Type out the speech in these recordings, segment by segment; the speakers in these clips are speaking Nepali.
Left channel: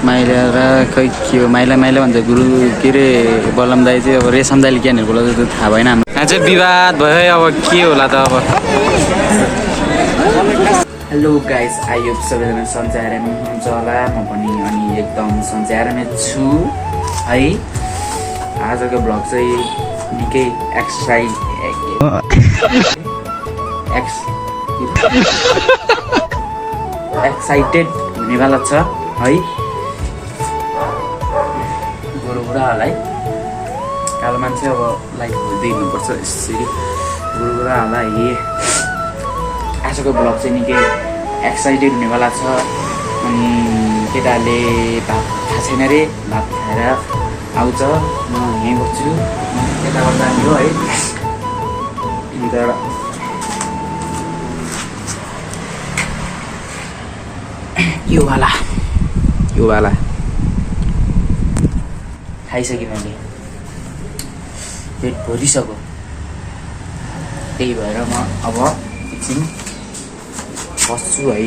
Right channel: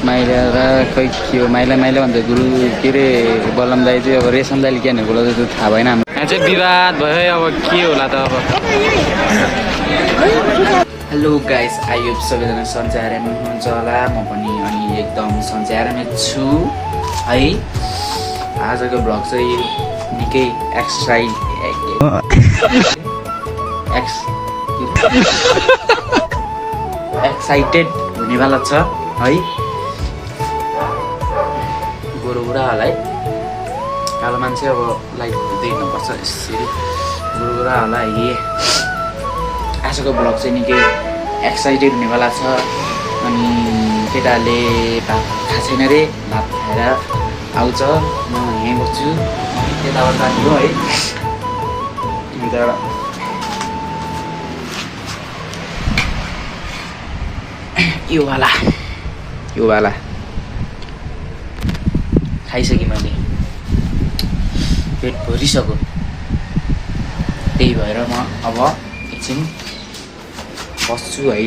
माइला र खै के हो माइला भन्छ गुरु के अरे बलम दाई चाहिँ अब रेशम दाइले के भनेर बोलाउँछ त्यो थाहा भएन हाम्रो। यहाँ चाहिँ विवाद भयो अब के होला त अब। हेलो गाइस, आई होप सबैजना सन्चै आरामै हुनुहुन्छ होला। म पनि अनि एकदम सन्चै आरामै छु है। आजको भ्लग चाहिँ निकै एक्साइटेड हुनेवाला छ है। गोरु बुढाहरूलाई कालो मान्छे अब लाइफ देख्नुपर्छ यसरी। गोरु बुढाहरूलाई आजको भ्लग चाहिँ निकै एक्साइटेड हुनेवाला छ। अनि केटाहरूले भात खाएको छैन अरे, भात खाएर आउँछ। म यहीँ बस्छु, यताबाट जाने हो है। यो वाला खाइसकेँ मैले, पेट भरिसक्यो। त्यही भएर म अब एकछिन बस्छु है।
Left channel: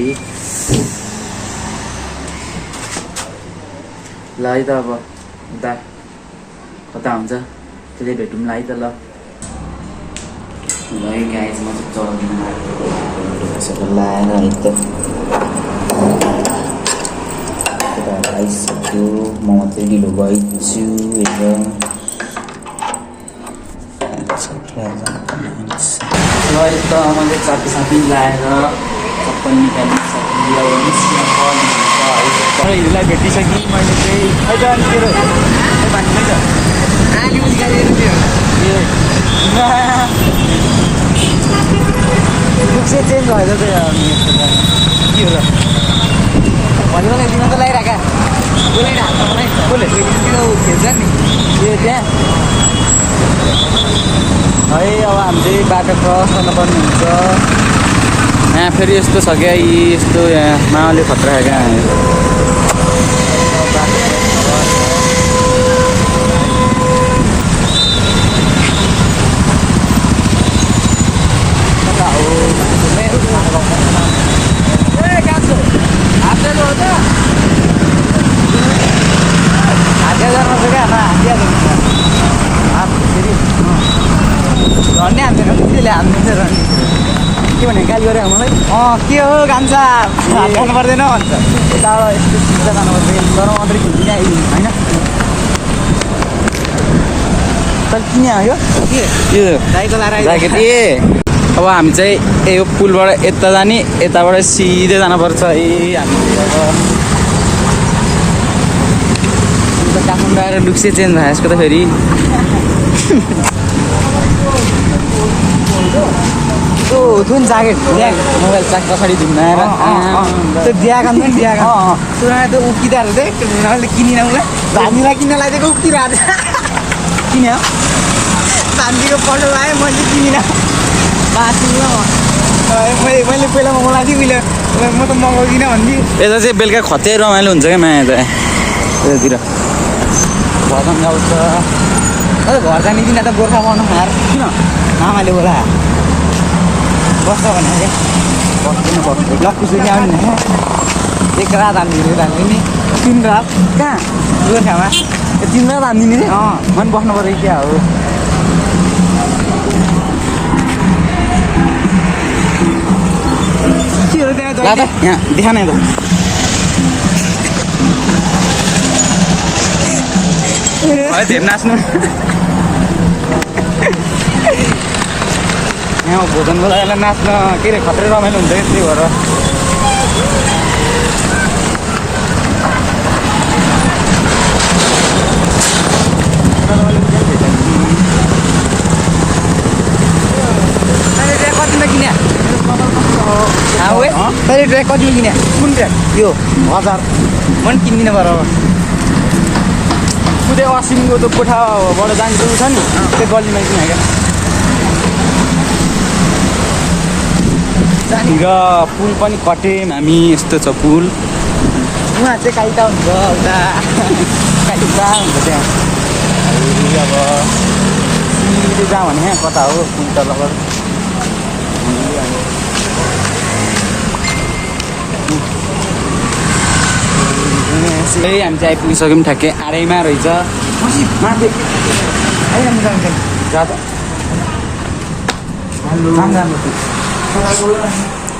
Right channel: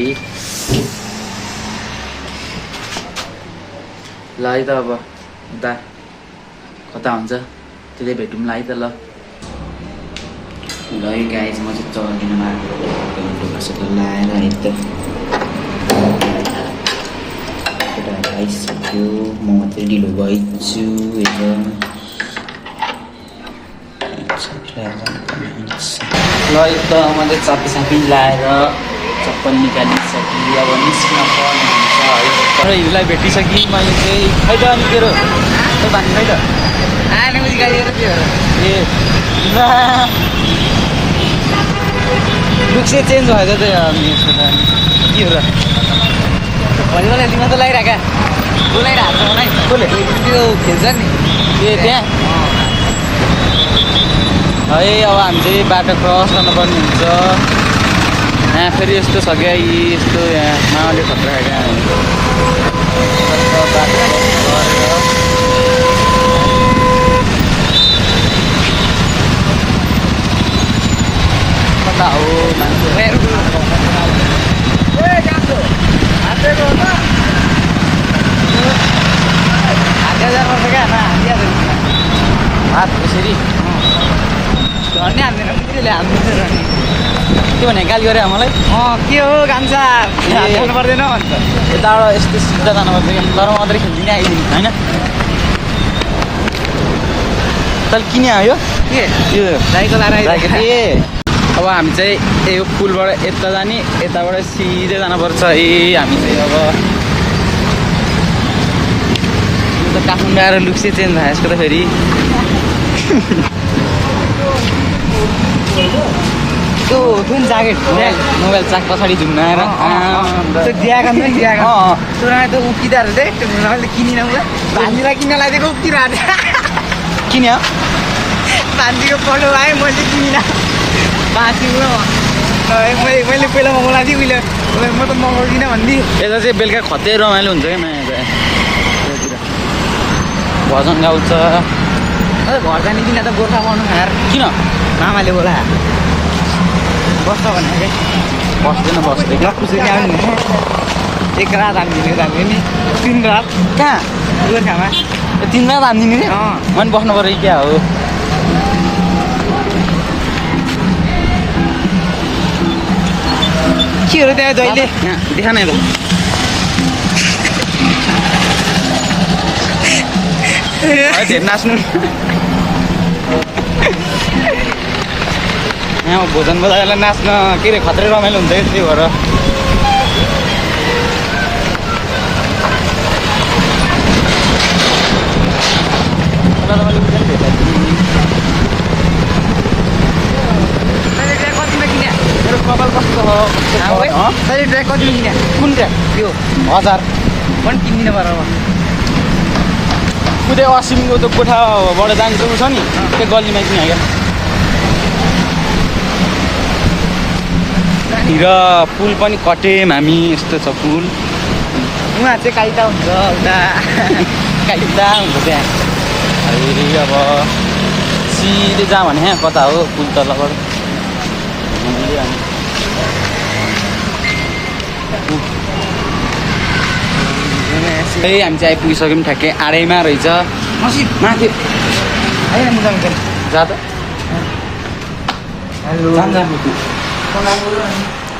ल है त अब उता कता हुन्छ त्यसले भेटौँला है त। ल है गाइज, म चाहिँ चौकीमा लाएर है त आइसक्यो। म मात्रै ढिलो भइछु ल त। मैले चापी लाएर चप्पल निकालिसकेँ। अब निस्किन पर्ने हुन्छ है। तर हिउँलाई भेटिसकेँ मैले चाहिँ। खै त अनि तेरो खै भन्नु खै त लुक चाहिँ चेन्ज भएको चाहिँ अनि यस्तो त के हो र भन्नुलाई तिमी त लगाइरहेका बोलाइरहेको छ कसले त्यो खेल्छ नि ए त्यहाँ है। अब हामी चाहिँ बाटो क्रस गर्नुपर्ने हुन्छ। यहाँ फेरि यस्तो छ क्या, यस्तो यहाँ माओले खतरा क्या। कता हो हात त्यसरी झन्डै हान्दैन त्यसले हान्दैन रनि। के भने गाली गरे मलाई। के हो गान्छ हाल्नु पर्दैन भन्छ। यताबाट यस्तो सिधा जानुपर्छ। तर मात्रै खेल्दिनँ आइदिनु होइन। तैँले किन आयो के यो राईको लाएर ज्याकेट? ए अब हामी चाहिँ यो पुलबाट यता जाने, यताबाट सिधै जानुपर्छ है। हामी चाहिँ अब काठमाडौँ आएर लुक चाहिँ चेन्ज भयो यसको त फेरि। त्यो जुन ज्याकेट मोबाइल चाक पछाडि धुन्न आएर त्यो दिएको नि दिएको सुनाए त उकिँदो रहेछ मैले किनिन उयो धानीलाई किन्न लगाइदिएको उकिरहेको किन धानीको पल्लो आएँ मैले किनिनँ बाँचिलो मैले पहिला मगाएको थिएँ उहिले म त मगाउँदिनँ भन्ने। यता चाहिँ बेलुका खतै रमाइलो हुन्छ क्या माया चाहिँ। यतातिर भजन गाउँछ। घर जाने दिन त गोर्खा पाउनु खाएर किन मामाले बोला बस्छ भने क्या बस्दैन बस्दैन। लक्कुसरी आउने एक रात हानिदिने नि 3 रात कहाँ गोर्खामा 3 रात हानिदिने रे। मैले बस्नु पऱ्यो क्या हो। केहरू त्यहाँ जहिले यहाँ देखा न यता धेरै नाच्नु। यहाँ भोजन बजाएर नाच्न के अरे खत्रै रमाइलो हुन्छ त्यही भएर। मेरो कपाल कस्तो तैँले ट्र्याक कतिमा किने कुन ट्र्याक यो 1000 पनि किन्दिनँ बराबर कुदे असिमको त्यो कोठाबाट जान्छ छ नि त्यो गल्लीमा किन क्या। र पुल पनि कटेम हामी। यस्तो छ पुल। उहाँ चाहिँ कालिटा हुन्छ उता कालिटा हुन्छ त्यहाँ। अब सिधै जहाँ भने कता हो पुल तलबाट हामी चाहिँ आइपुगिसक्यौँ ठ्याक्कै आडैमा रहेछ माथि जा त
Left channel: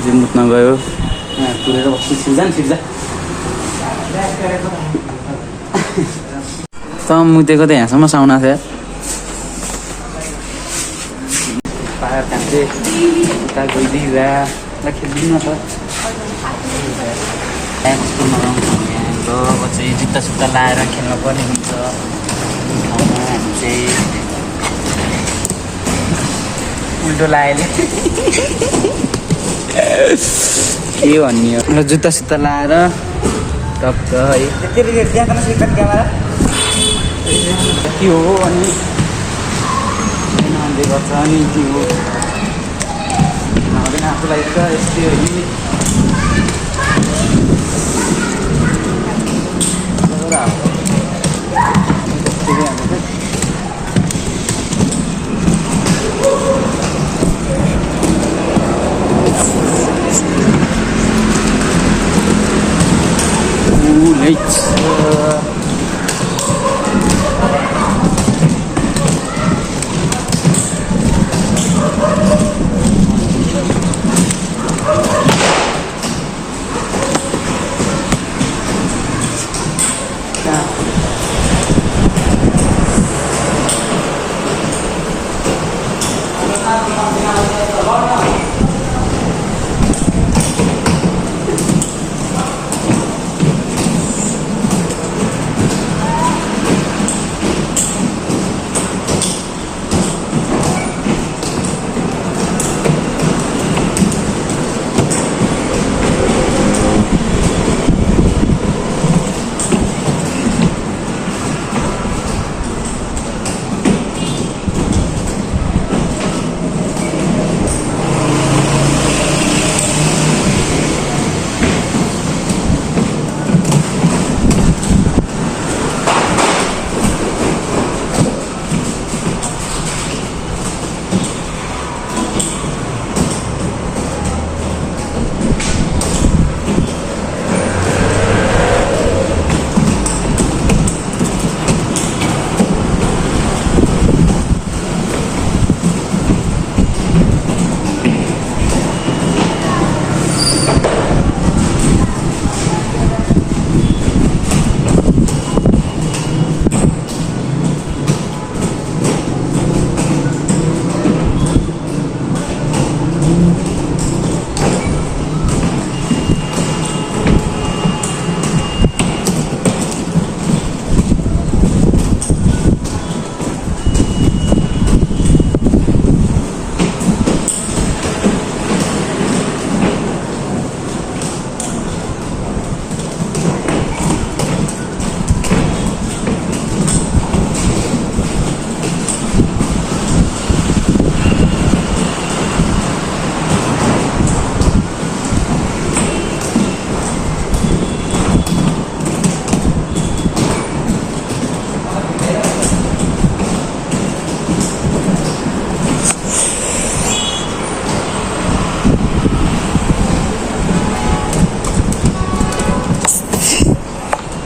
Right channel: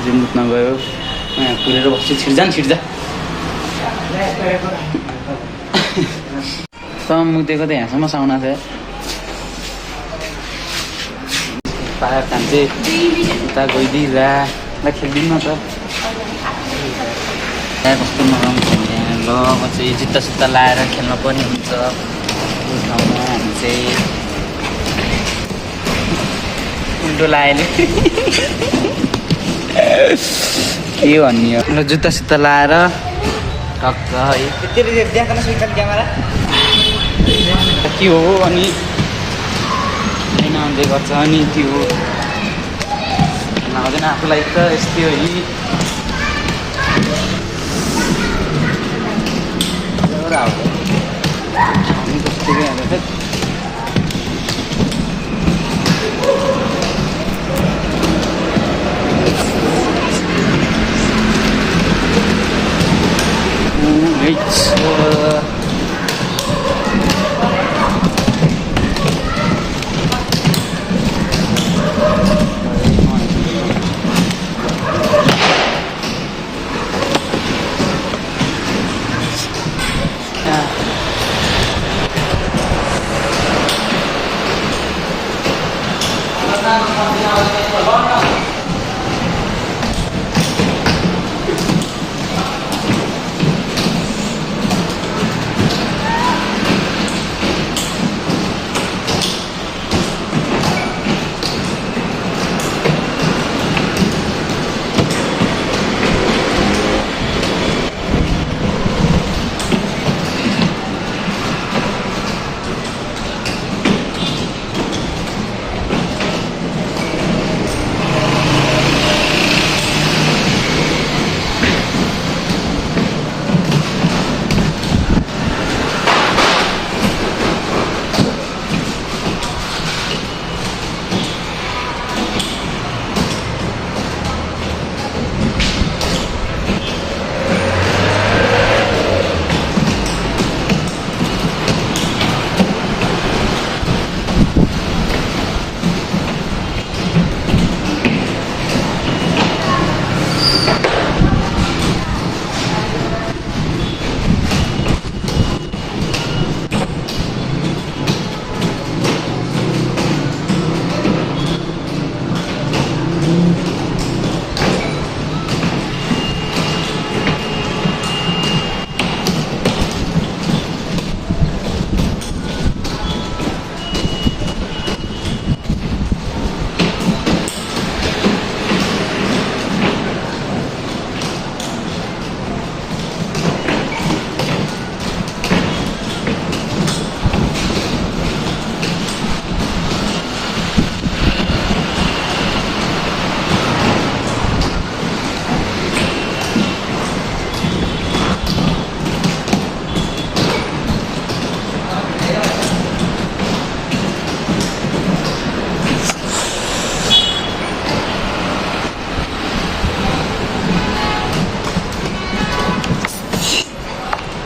रिमुटमा गयो यहाँ पुगेर बस्छु छिर्जा मुतेको त यहाँसम्म साउना छ पाहाड खान्थे उता गइदिँदा खेलिदिनु न त कस्तो ल अब चाहिँ जुत्ता सुत्ता लाएर खेल्न पनि हुन्छ यो ठाउँमा हामी चाहिँ उल्टो लाएले के भन्ने हो ल जुत्ता सुत्ता लाएर टक्क है क्यामेरा के हो अनि आउँदै गर्छ अनि त्यो नहुँदैन आफूलाई त यस्तै हो नि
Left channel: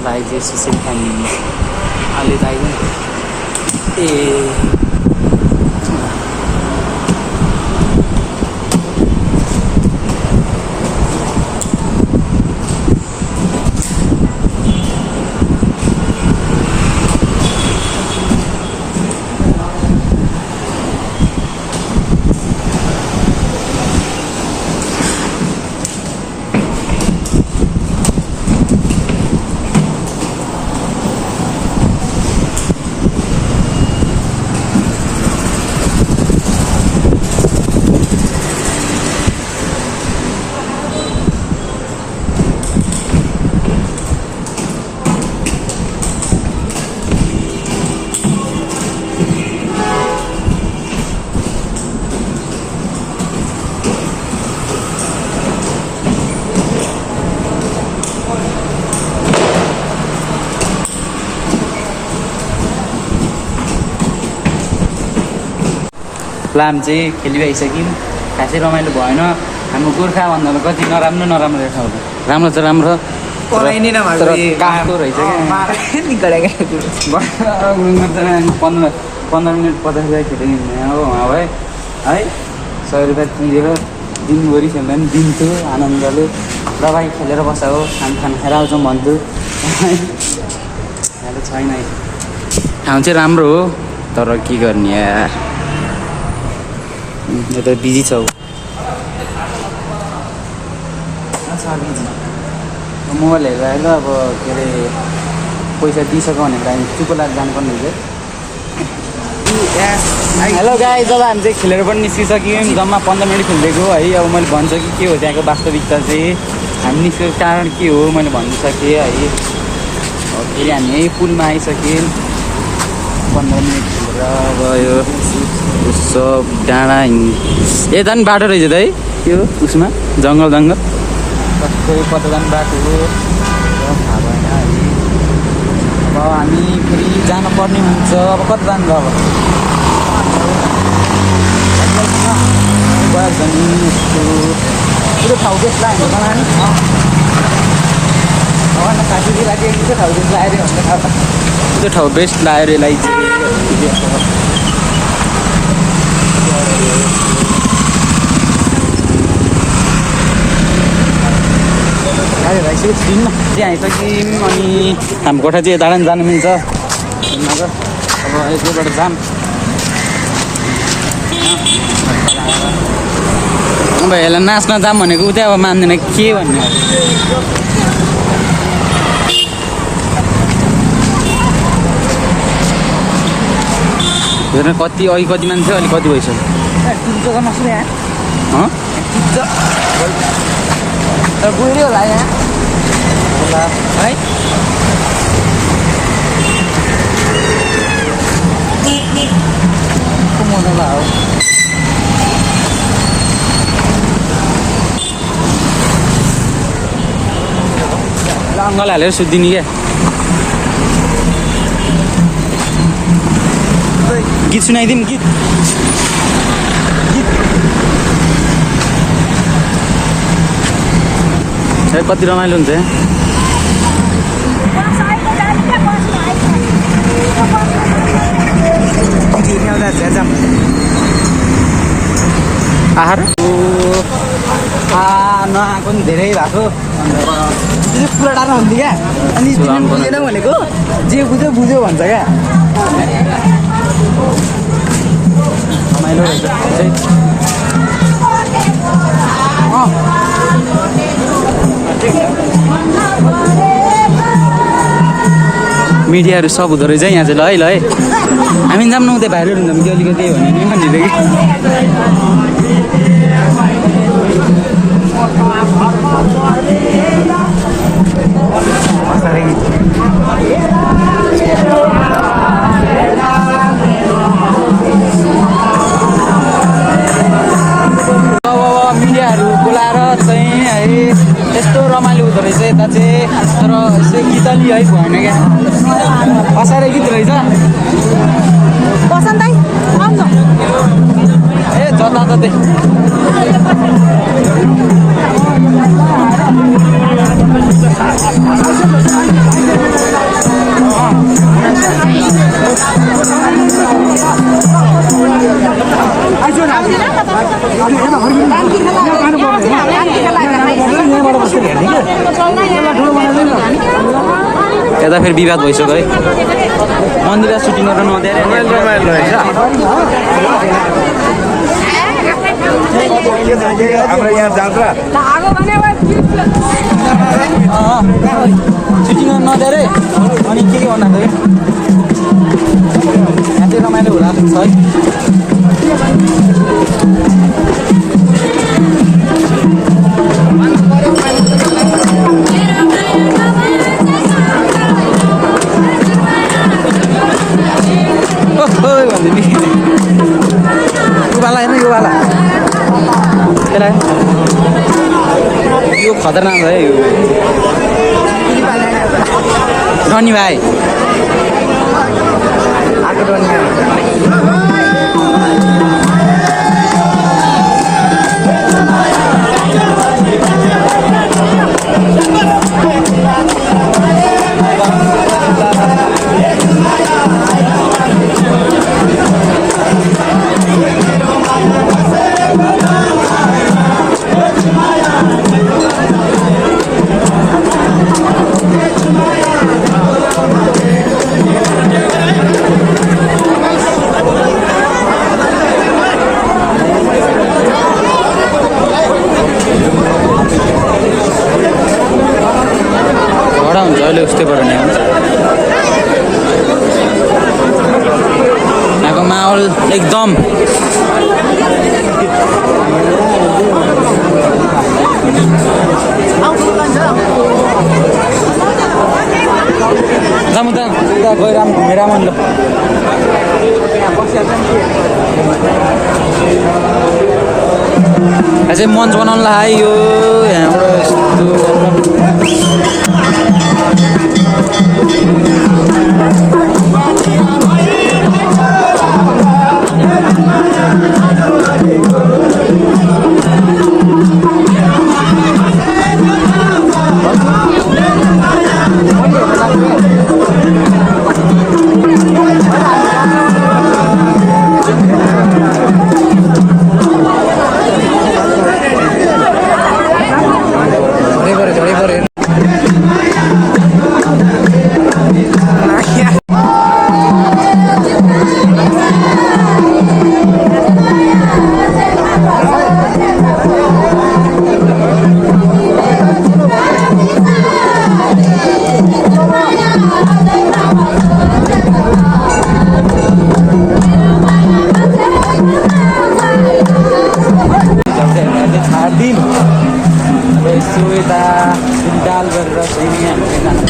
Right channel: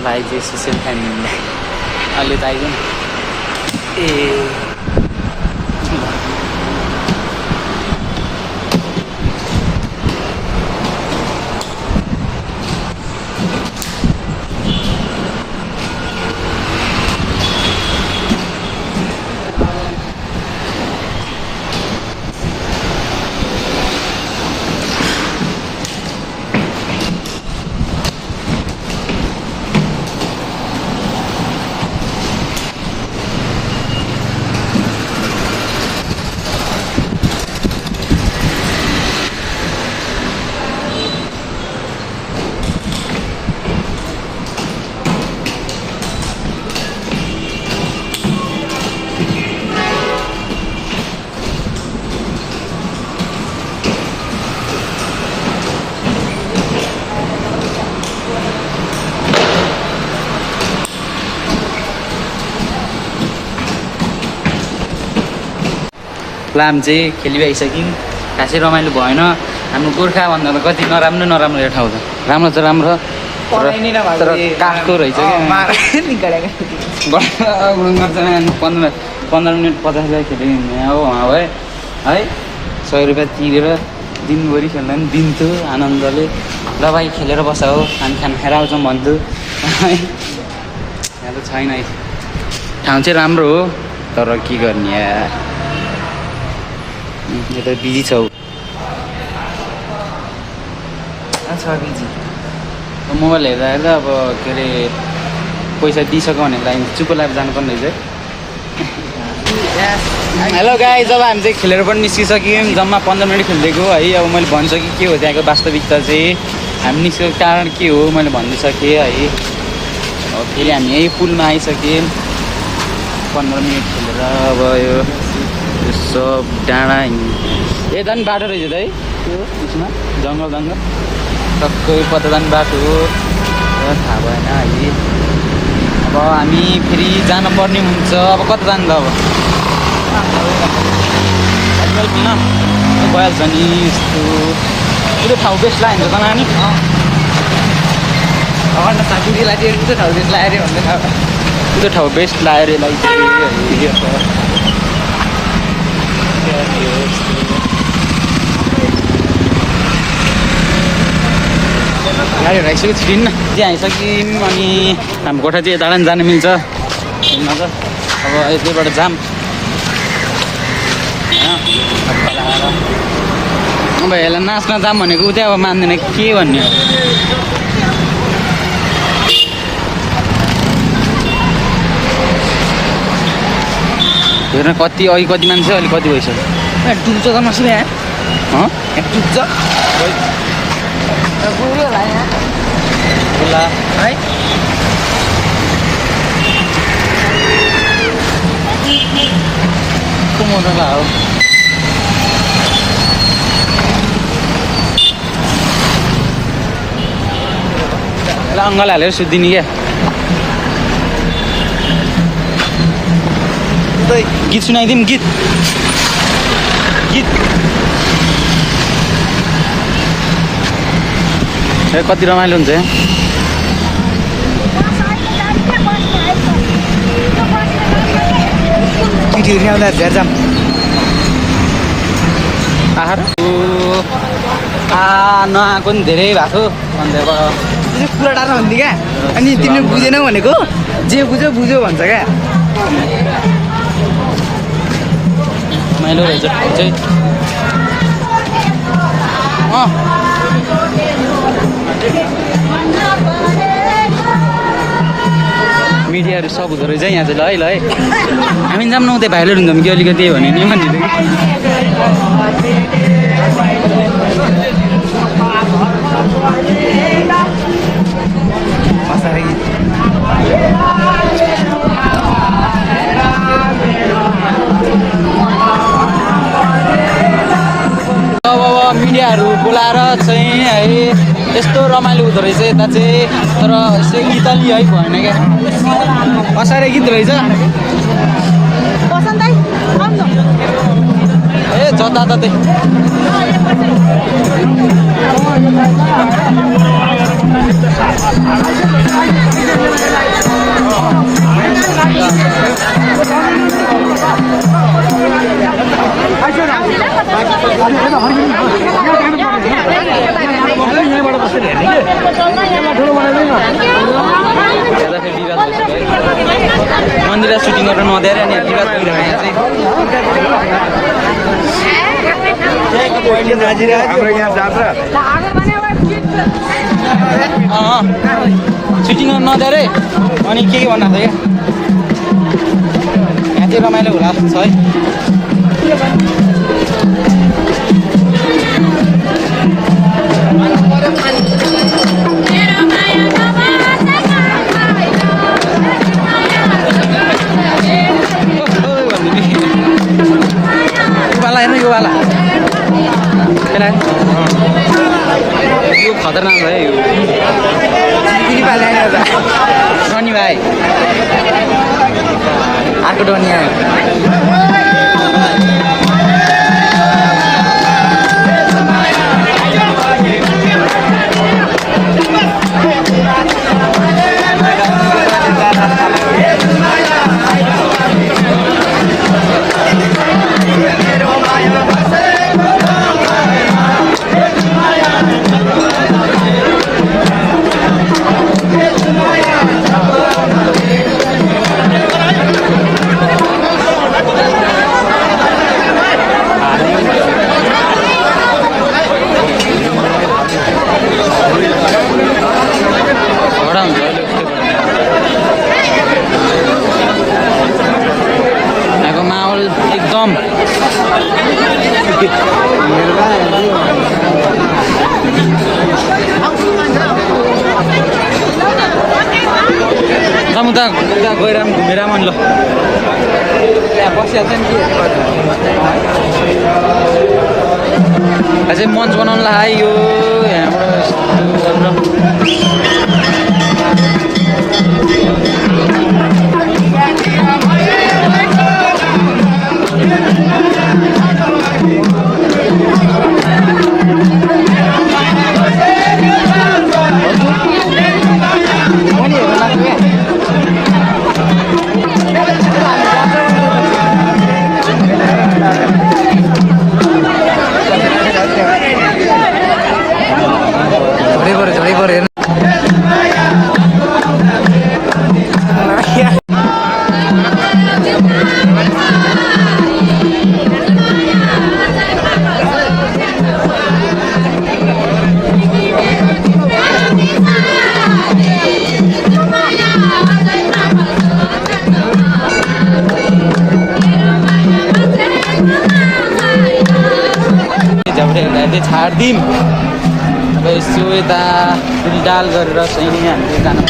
भाइ चाहिँ स्पेसल फ्यामिली अहिले त आइदिएन ए लाम चाहिँ खेलिआइसक्यौँ खासै रमाइलो भएन हाम्रो गोर्खा भन्दा त कति नराम्रो ठाउँ त राम्रो त राम्रो पढाइ नभएको तर काट्दो रहेछ क्या 15 मिनट 50 हजार खेल्यो हो भाइ है 100 रुपियाँ तिरेर दिनभरि खेल्दा पनि दिन्थ्यो आनन्दले ल भाइ खेलेर बस हो खाना खाएर आउँछौँ भन्थ्यो यहाँ त छैन है ठाउँ चाहिँ राम्रो हो तर के गर्ने यार यो त बिजी छौ मोबाइल हेर्दा हेर्दा अब के अरे पैसा दिइसक्यो भने लागि चुप लागेर जानुपर्ने रहेछ हेलो गाई जब हामी चाहिँ खेलेर पनि निस्किसक्यौँ जम्मा 15 मिनट खेलिदिएको है अब मैले भनिसकेँ के हो त्यहाँको वास्तविकता चाहिँ हामी निस्केको कारण के हो मैले भनिसकेँ है अब फेरि हामी यही पुलमा आइसक्यौँ 15 मिनट खेलेर गयो यो सब डाँडा यता पनि बाटो रहेछ त है त्यो उसमा जङ्गल टक्कै कता जाने बाटो हो थाहा भएन है अब हामी फेरि जानुपर्ने हुन्छ अब कता जानु त अब भइहाल्छ नि यस्तो पुरो ठाउँ बेस्ट लाग्यो त नानी त्यो ठाउँ बेस्ट लाग्यो यसलाई गाडीहरू आइसक्यो छिटिन्न त्यहाँ आइसक्यौँ अनि हाम्रो कोठा चाहिँ यताबाट जानु मिल्छ अब यतैबाट जाम अब यसलाई नाच्न जाम भनेको उ चाहिँ अब मान्दैन के भन्ने हेर्न कति अघि कति मान्छे अलिक कति भइसक्यो टुप्छ त मसँग यहाँ टुप्छ गयो भाइ ल है को मजा हो ल अङ्गल हालेर सुत्दिने क्या गीत सुनाइदिउँ गीत कति रमाइलो हुन्छ आहार नआएको नि धेरै भएको भनेर पुरा टाढो हुन्थ्यो क्या अनि तिमीले बुझेनौ भनेको जे बुझ्यो बुझ्यो भन्छ क्या रमाइलो रहेछ मिडियाहरू सब हुँदो रहेछ यहाँ चाहिँ ल है हामी जाऊँ न उतै भाइरल हुन्छौँ कि अलिकति भने नि भनिदिँदै मिडियाहरू बोलाएर चाहिँ है यस्तो रमाइलो हुँदो रहेछ यता चाहिँ तर यसो इतली है भएन क्या असारै गीत रहेछ ए जताततै यता फेरि विवाद भइसक्यो है मन्दिर सुटिङ गरेर नदिएर सुटिङ गर्न नदिएर अनि के भन्नु थियो यहाँ चाहिँ रमाइलो होला छ है यो वाला यो खतरनाक है यो धनी भाइ अर्को धनी कडा हुन्छ अहिले उस्तै कडा यहाँको माहौल एकदम उता गएर घुमेर मन ल अझै मञ्च बनाउनु लाग्यो यहाँबाट छाड्दिउँ अब यसो यता डाल गरेर सिमी हामीले जानु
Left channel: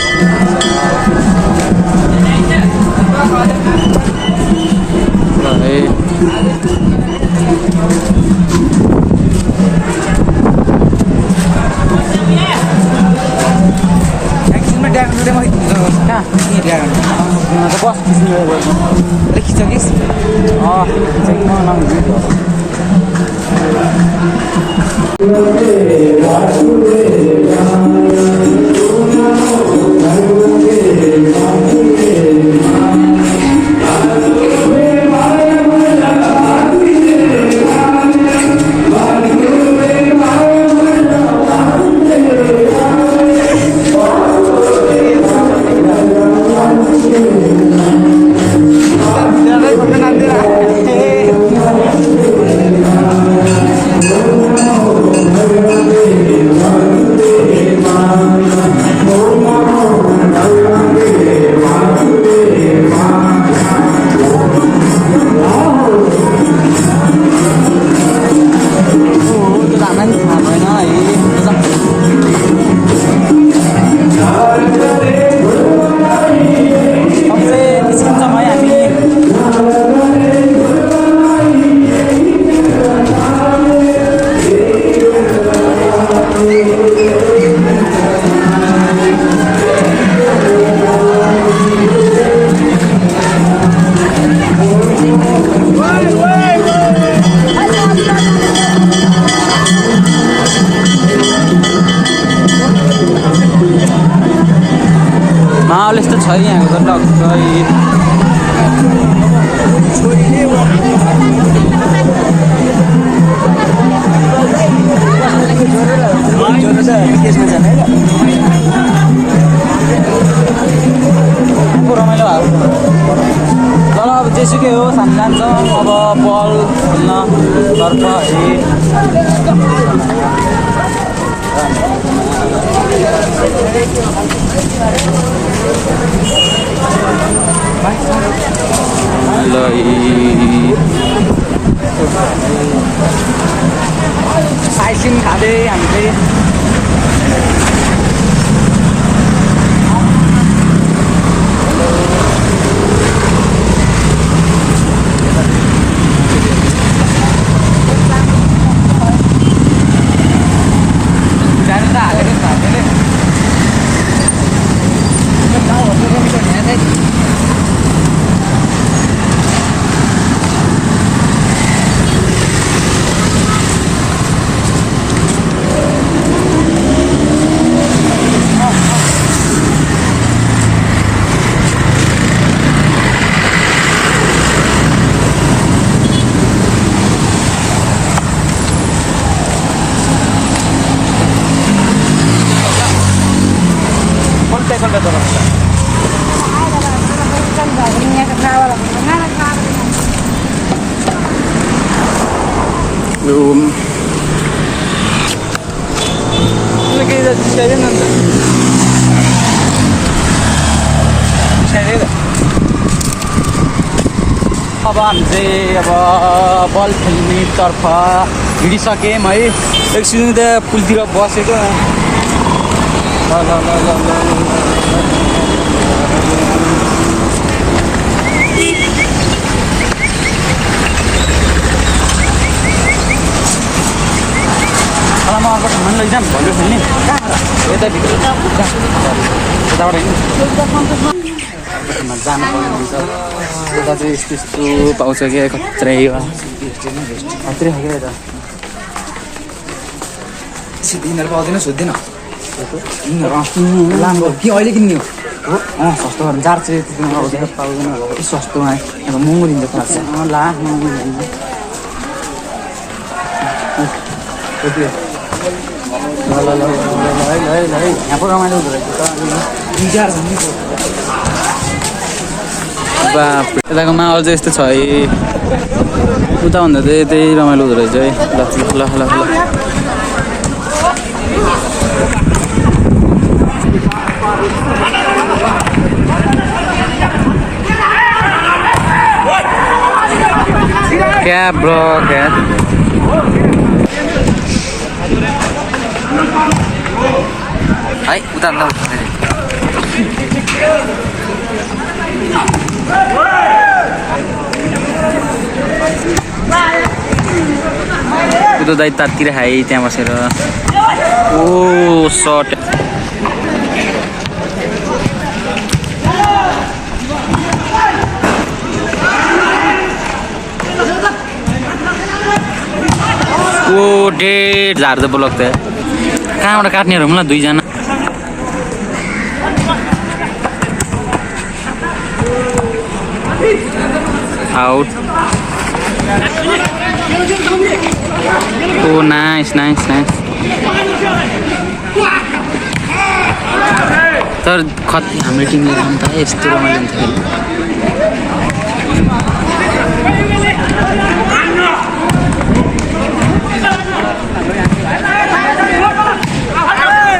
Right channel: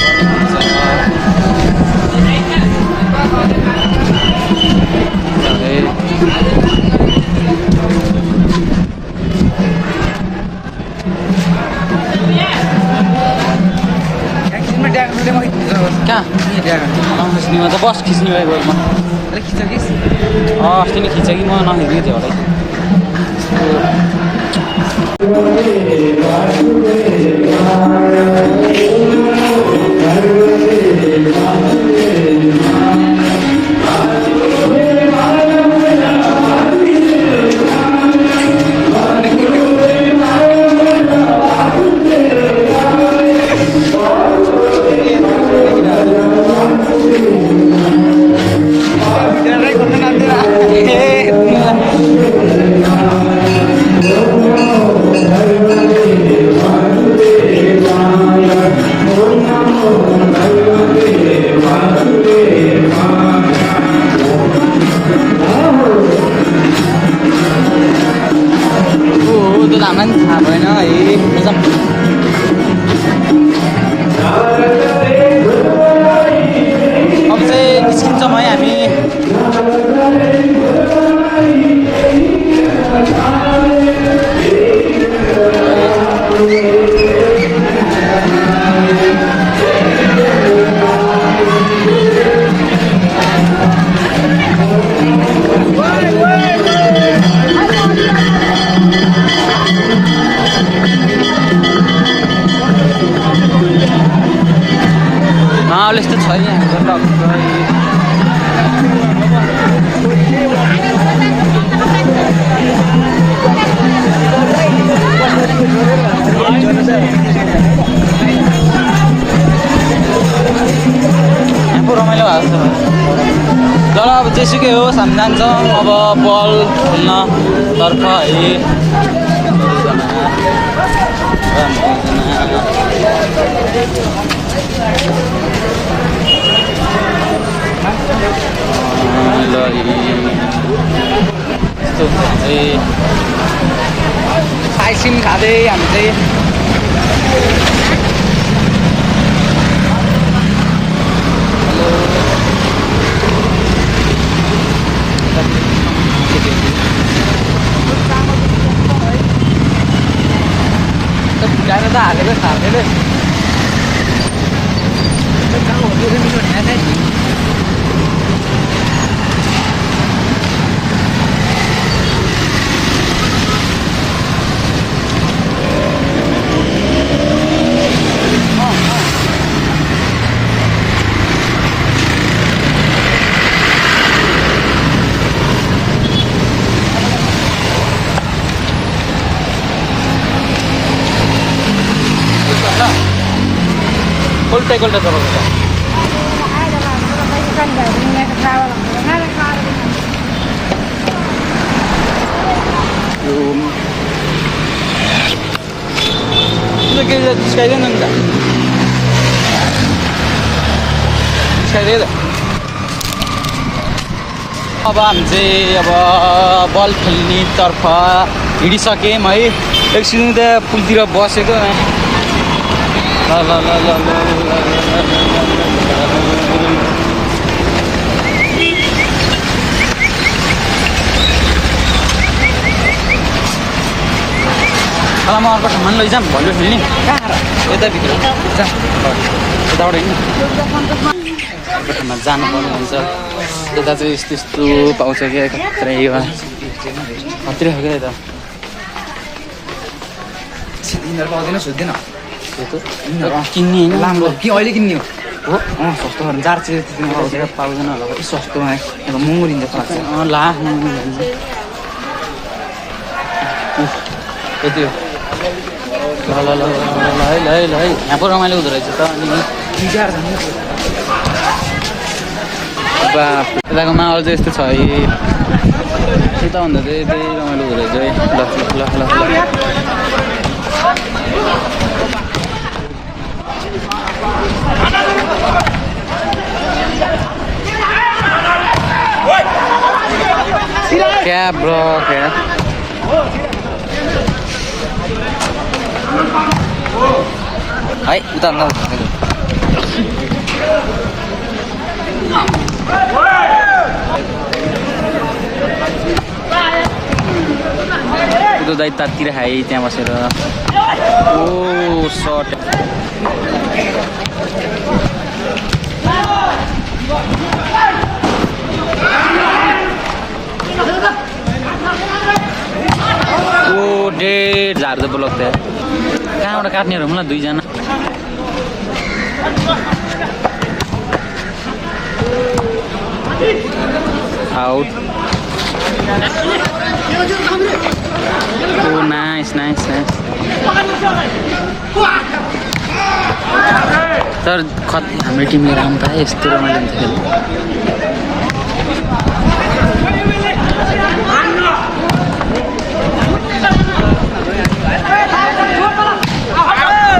कहाँ बस खिच्ने भयो खिच्छ कि अस्ति नै खिच्छ कि म नखिच्नु थियो माहौल यस्तो छ यहाँको त यहाँको रमाइलो भएको छ ल अब जेसुकै हो हामी जान्छौँ अब बल खेल्न तर्फ साइसिन खाँदै हामी चाहिँ जानु त हालेको थालेले Kolta chalaउँछ यो अब हामी चाहिँ अब बल खेल्नेतर्फ हिँडिसक्यौँ है। एकछिन त्यहाँ पुलतिर बसेको ल ल ल ल ल म अर्को ठाउँमा लैजाऊँ भलियो खेल्ने यताभित्र यताबाट हिँड्नु ठाउँमा जानुपर्ने हुन्छ। यता चाहिँ यस्तो यस्तो पाउँछ क्या खत्रै खत्रै हो क्या यता यिनीहरू पाउँदैन सोध्दैन किन्ने होइन राम्रो कि अहिले किन्ने हो हो सस्तो गर्नु 400 त्यतिमा पाउँदैन पाउँदैन होला सस्तोमा अब महँगो दिन्छ क्लास ला त्यति हो ल ल ल ल है यहाँ पो रमाइलो हुँदो रहेछ त बाप यताको माहौल चाहिँ यस्तो छ है उताभन्दा चाहिँ त्यही रमाइलो हुँदो रहेछ है ल ल ल ल क्या ब्लॉक है है उता ल उता दाइ तातिर खाएँ त्यहाँ बसेर ओ सर्ट ओ डेढ झार्दै ब्लक त कहाँबाट काट्नेहरू मलाई 2 जना आउट ओ नाइस नाइस नाइस तर कति हाम्रो टिमले राम्रो पाए यस्तो रमाइलो हुन्छ खेल्नु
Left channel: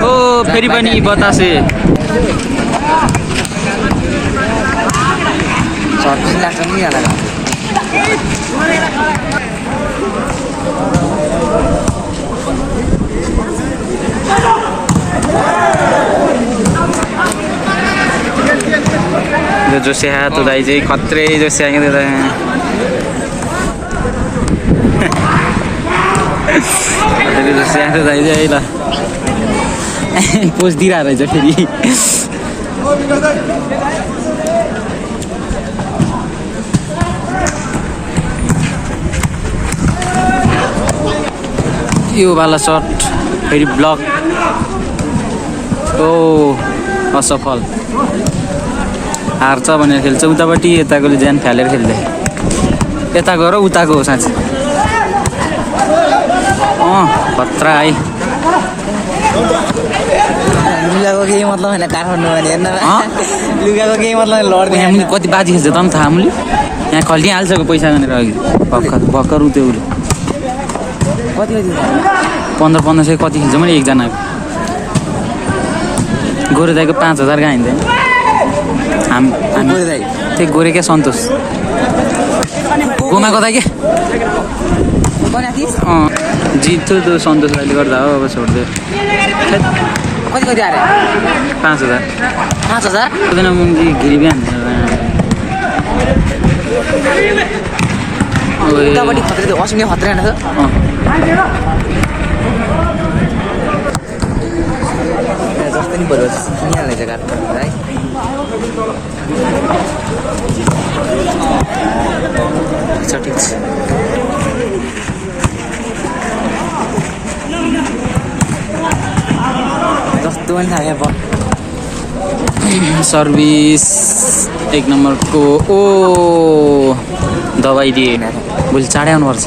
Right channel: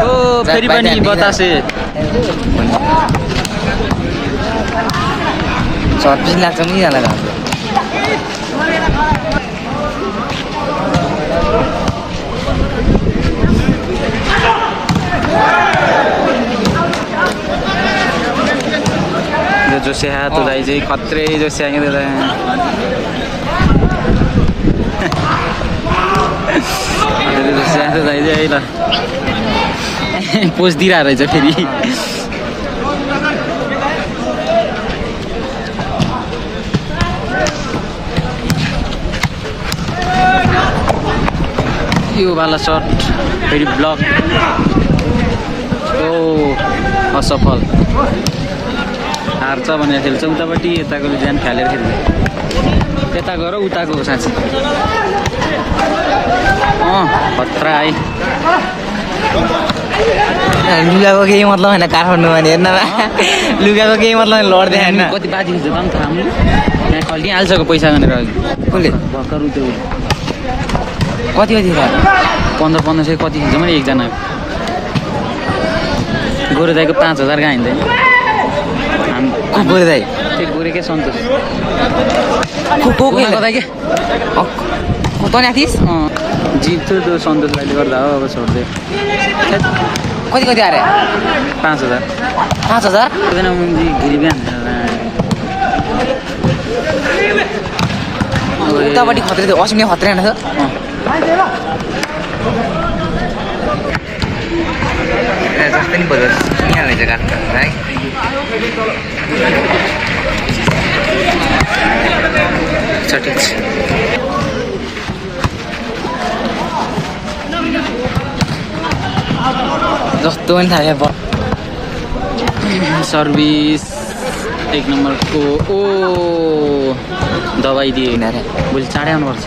ओ फेरि पनि बतासे 26 लाग्छ नि यहाँ जो सेहा तो दाइ चाहिँ खत्रै जो सेहा के दाइ खत्रै जो सेहा तो दाइ चाहिँ ल पोज दिइरहेको रहेछ फेरि यो वाला शट फेरि ब्लक ओ असफल हार्छ भनेर खेल्छ उतापट्टि यताकोले ज्यान फालेर खेल्छ यताको र उताको हो साँच्चै खतरा है लुगाको केही मतलब होइन काठमाडौँ भने हेर्न लुगाको केही मतलब लड्दै हामी कति बाजी खेल्छ त नि थाहा हामीले यहाँ खल्टिहाल्छको पैसा गरेर अघि भर्खर उ त्यो कति 1500 कति खेल्छ मैले एकजनाको गोरे दाइको 5000 कहाँ हिँड्दैन गोरे दाइ त्यही गोरे क्या सन्तोष गोमाको दाइ के जित्थ्यो त्यो सन्तोष दाइले गर्दा हो अब छोड्दै कति आएर 5000 हुँदैन गिरी उतापट्टि खत्रै थियो अस्मी खत्रै होइन जस्तै नि पऱ्यो किनिहाल्ने जग्गा है ठिक छ जस्तो पनि थाहा बल सर्भिस 1 नम्बरको ओ दबाई दिए अरे भोलि चाँडै आउनुपर्छ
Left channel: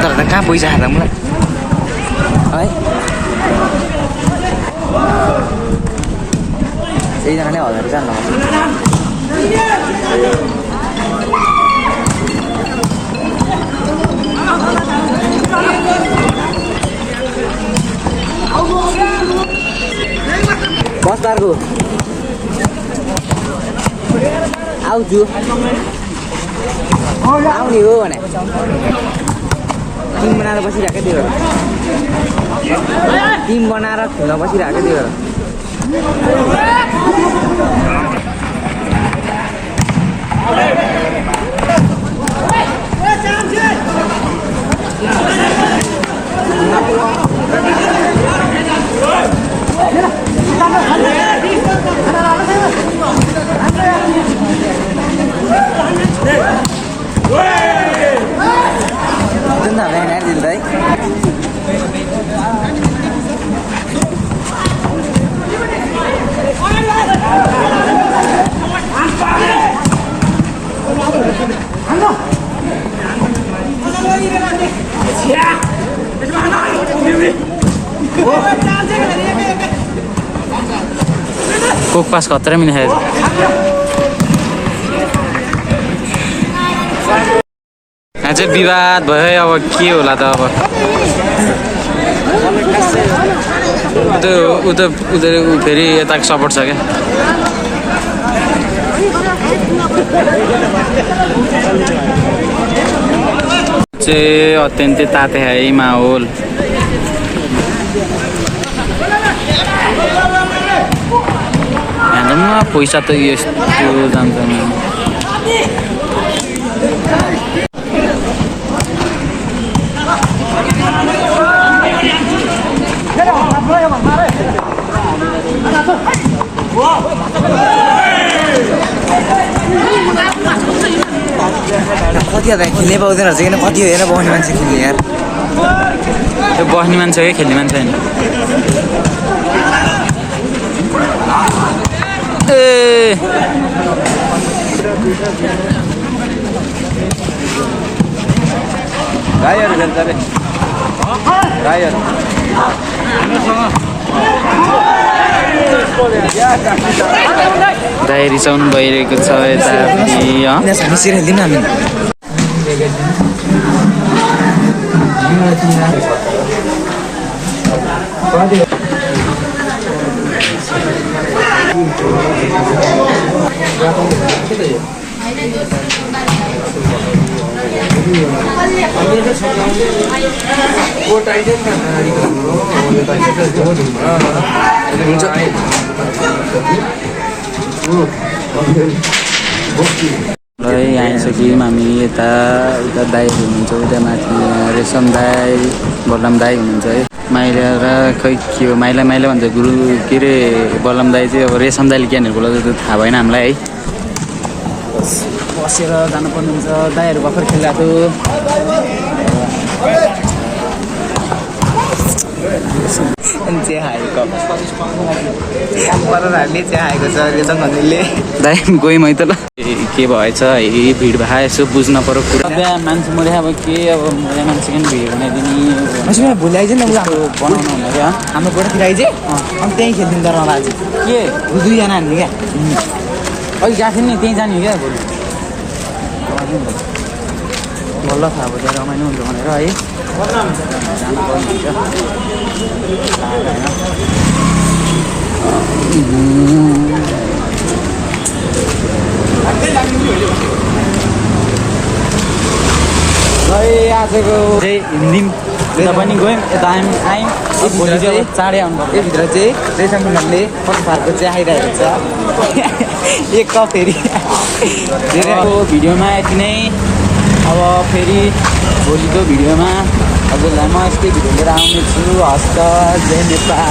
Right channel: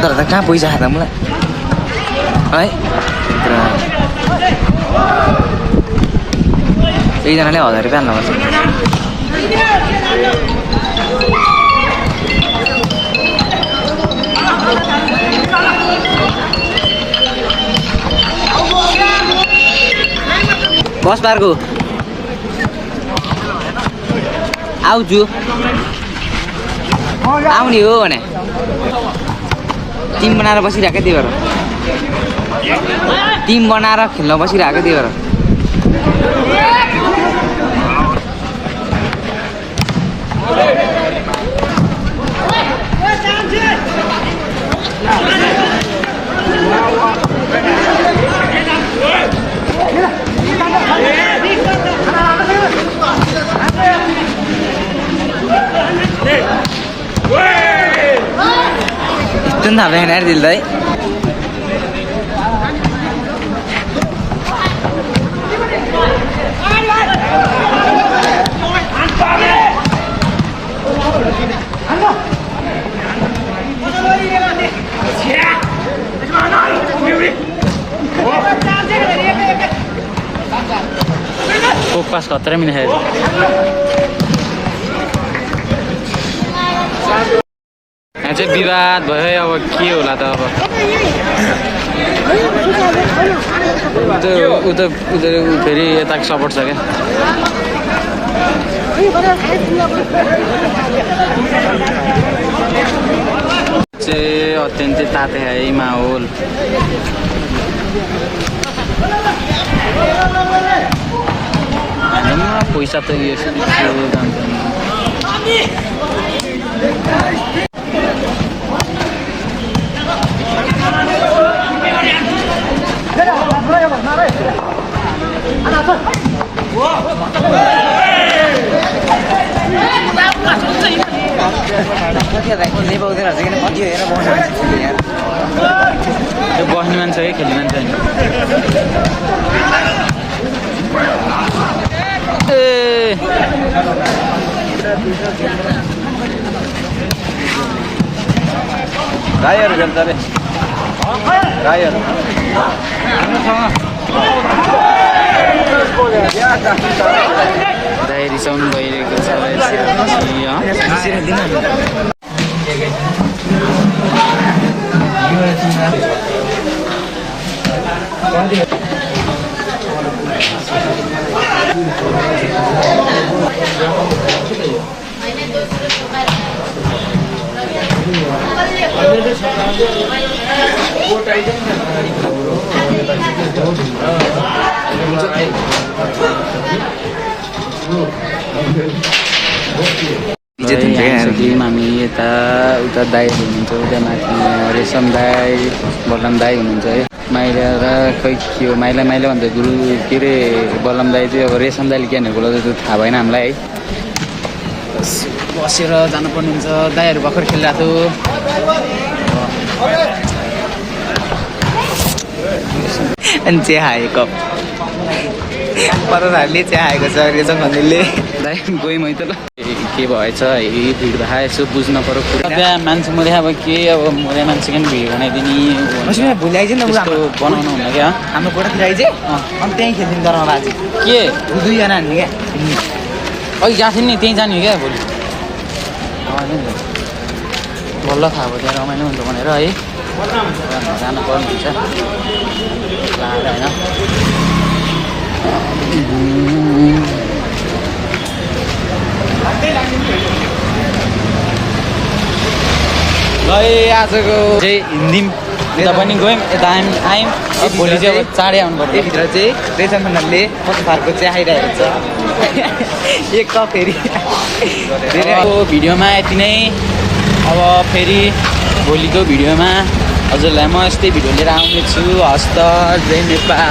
तर कहाँ पैसा खाँदा मलाई है एकजनाले 1000 रुपियाँ हाल्नुपर्छ पार्कको आउँछु आउने हो भने टिम बनाएर बसिरहेको त्यही भएर टिम बनाएर खेल्न बसिरहेको त्यही भएर जुन थाप्दैन यार दिल दाइ कोक पास खतरा पनि देखायो यहाँ चाहिँ विवाद भयो अब के होला त अब ऊ फेरि यताको सपोर्ट छ क्या चाहिँ अत्यन्तै ताते है माहौल यहाँ पैसा त यस्तो जान्छ कति खेल्ने पाउँदैन रहेछ किन कति हेरेर बस्ने मान्छे खेल्ने यार त्यो बस्ने मान्छे हो कि खेल्ने मान्छे होइन ए दाइ रिसाउनु भइरहेको छ आइसक्यौँ हामी यता उता दाईहरू हुनुहुन्छ उता माथि रेशम दाई बलराम दाई हुनुहुन्छ है माइला र खै के हो माइला भन्छ गुरु के अरे बलराम दाई चाहिँ अब रेशम दाईले क्यानहरूको लागि त थाहा भएन हामीलाई है बसेर जानुपर्ने हुन्छ दाईहरू भर्खर खेलिरहेको अनि चिया खाएको परहरूले चिया खाएको छ रेशम भन्नेले दाइ गएँ मै त ल के भएछ है भिड भए यसो बुझ्न पर्यो कुरा त्यहाँ मान्छे मैले अब के अब मैले मान्छेले पनि भिड बनाइदिने भोलि आइज न बनाउनु हुँदा क्या हाम्रो गोठातिर आइज अनि त्यहीँ खेलिदिनु तर आज के दुईजना हान्ने क्या अघि गएको थियौँ नि त्यहीँ जाने हो क्या भोलि बल्ल थाहा भयो त्यहाँ रमाइलो हुन्छ भनेर है जानु पर्ने हुन्छ आजको चाहिँ हिँड्यौँ यता पनि गयौँ यता आयौँ भोलि चाहिँ चाँडै आउनुपर्छ यहीभित्र चाहिँ रेशम उनीहरूले कस्तो खालको चाहिँ आइरहेको छ एक कप फेरि भिडियोमा यति नै अब फेरि भोलिको भिडियोमा हजुरलाई म यस्तै भिडियो लिएर आउनेछु हस्त जय नेपाल।